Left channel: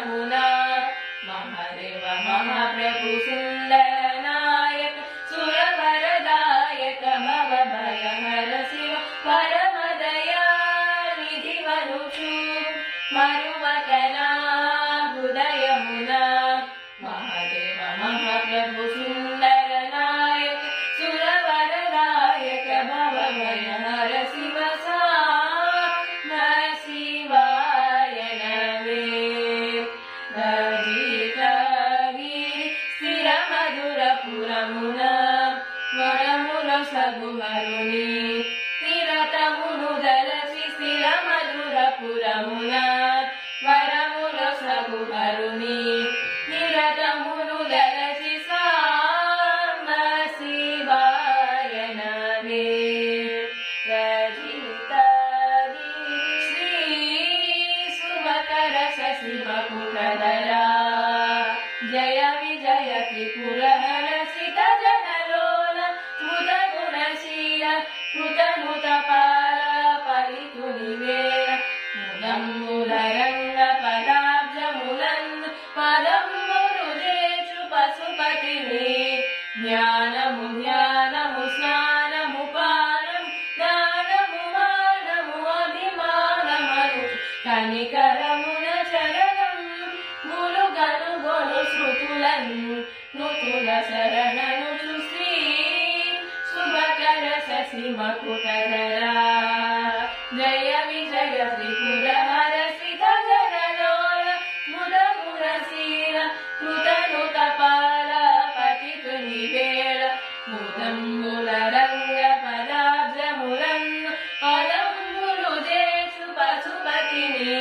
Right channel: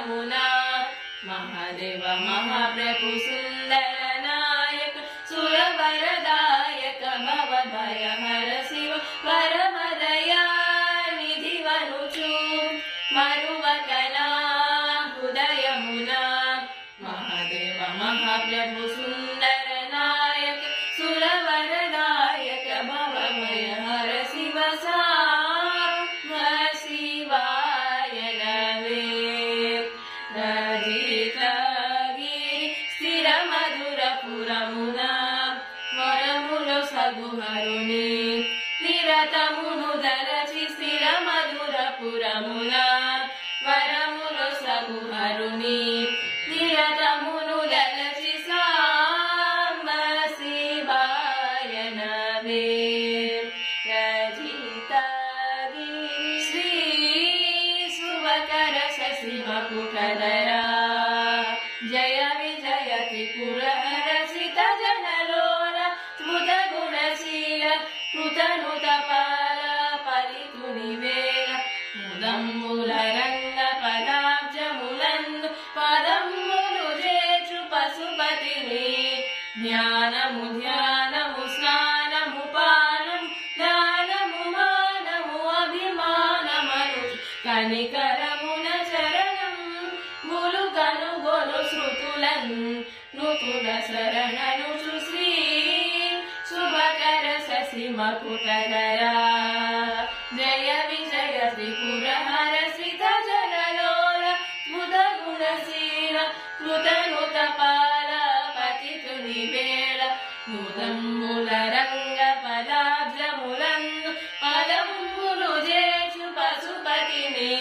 यमुना महादेव महाप्रभु सुंदर नायक सुरवरदायक भवभयहर शिव परमदया निधि वरुचु मरुवकना हृदयमुना महादेव महाप्रभु सुंदर नायक सुरवरदायक भवभयहर शिव साम्ब शिवाय नमे रजितगिरि स्थिर मधुर पुरमुना वरमुल सगुहरुनि निरतमुनु दलचि स्थिर मधुर पुरमुना वरमुल सगुहरुनि निरतमुनु दलचि साम्ब शिवाय नमे रजितगिरि श्री सुभकर शशि मकुटधरा जय विजय त्रिपुरहर सित जनलोल बुधगुणशील कृतनुतपाल परितुनिवेल मुदम्बुलरंग पदाब्जमुलन् पदम्बुलु जेचु पशुपतिनि ध्यानमु ध्यानमु स्नानमु पानमु दानमु मानमु अभिमानमनु कनिकरमुन चरणं गुरु गनु गोलु श्रुतुलन् नुतुल शरणनु श्री सुभकर शशि मकुटधरा जय विजय त्रिपुरहर सित जनलोल बुधगुणशील कृतनुतपाल पतितुनिवेल मुदम्बुलरंग पदाब्जमुलन् पदम्बुलु जेचु पशुपतिनि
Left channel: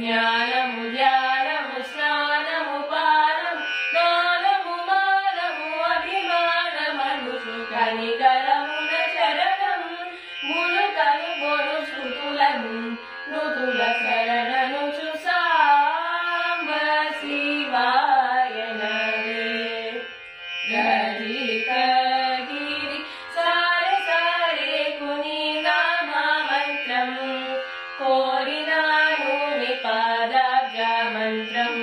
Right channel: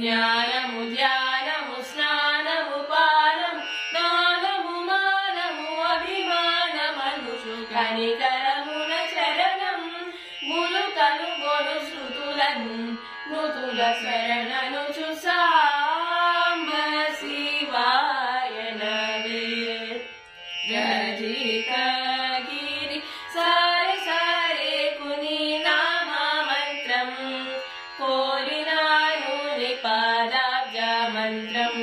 ध्यानमु ध्यानमु स्नानमु पानमु दानमु मानमु अभिमानमनुषु कनिकरमुन चरणं गुरु कनु गोलु श्रुतुलन् नुतुल शरणनुषु साम्ब शिवाय नमे रजितगिरि सारे सारे कुनि नाम मंत्रं कोरिनानु निपादाब्ज मंत्रं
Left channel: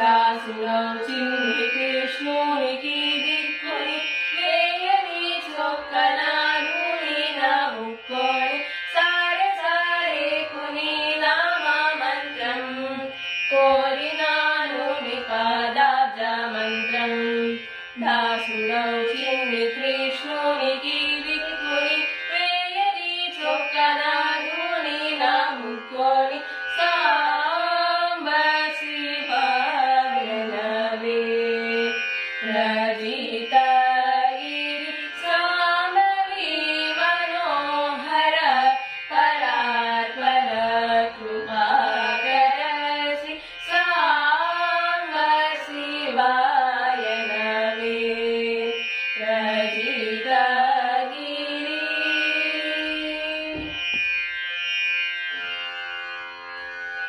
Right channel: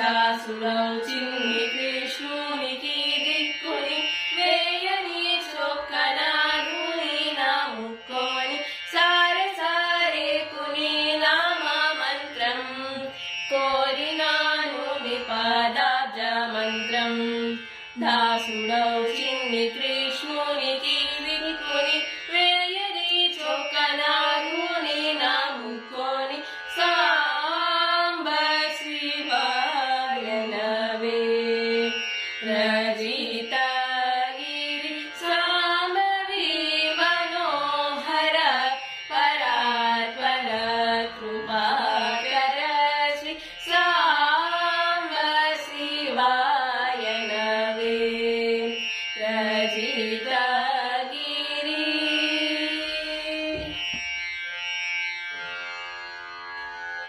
दासुरौ चिन्नि कृष्णुनिकी दिक्कुनि वेयनि चोक्कनागुनि नामुक्कोनि सारे सारे कुनि नाम मंत्रं कोरिनानु निपादाब्ज मंत्रं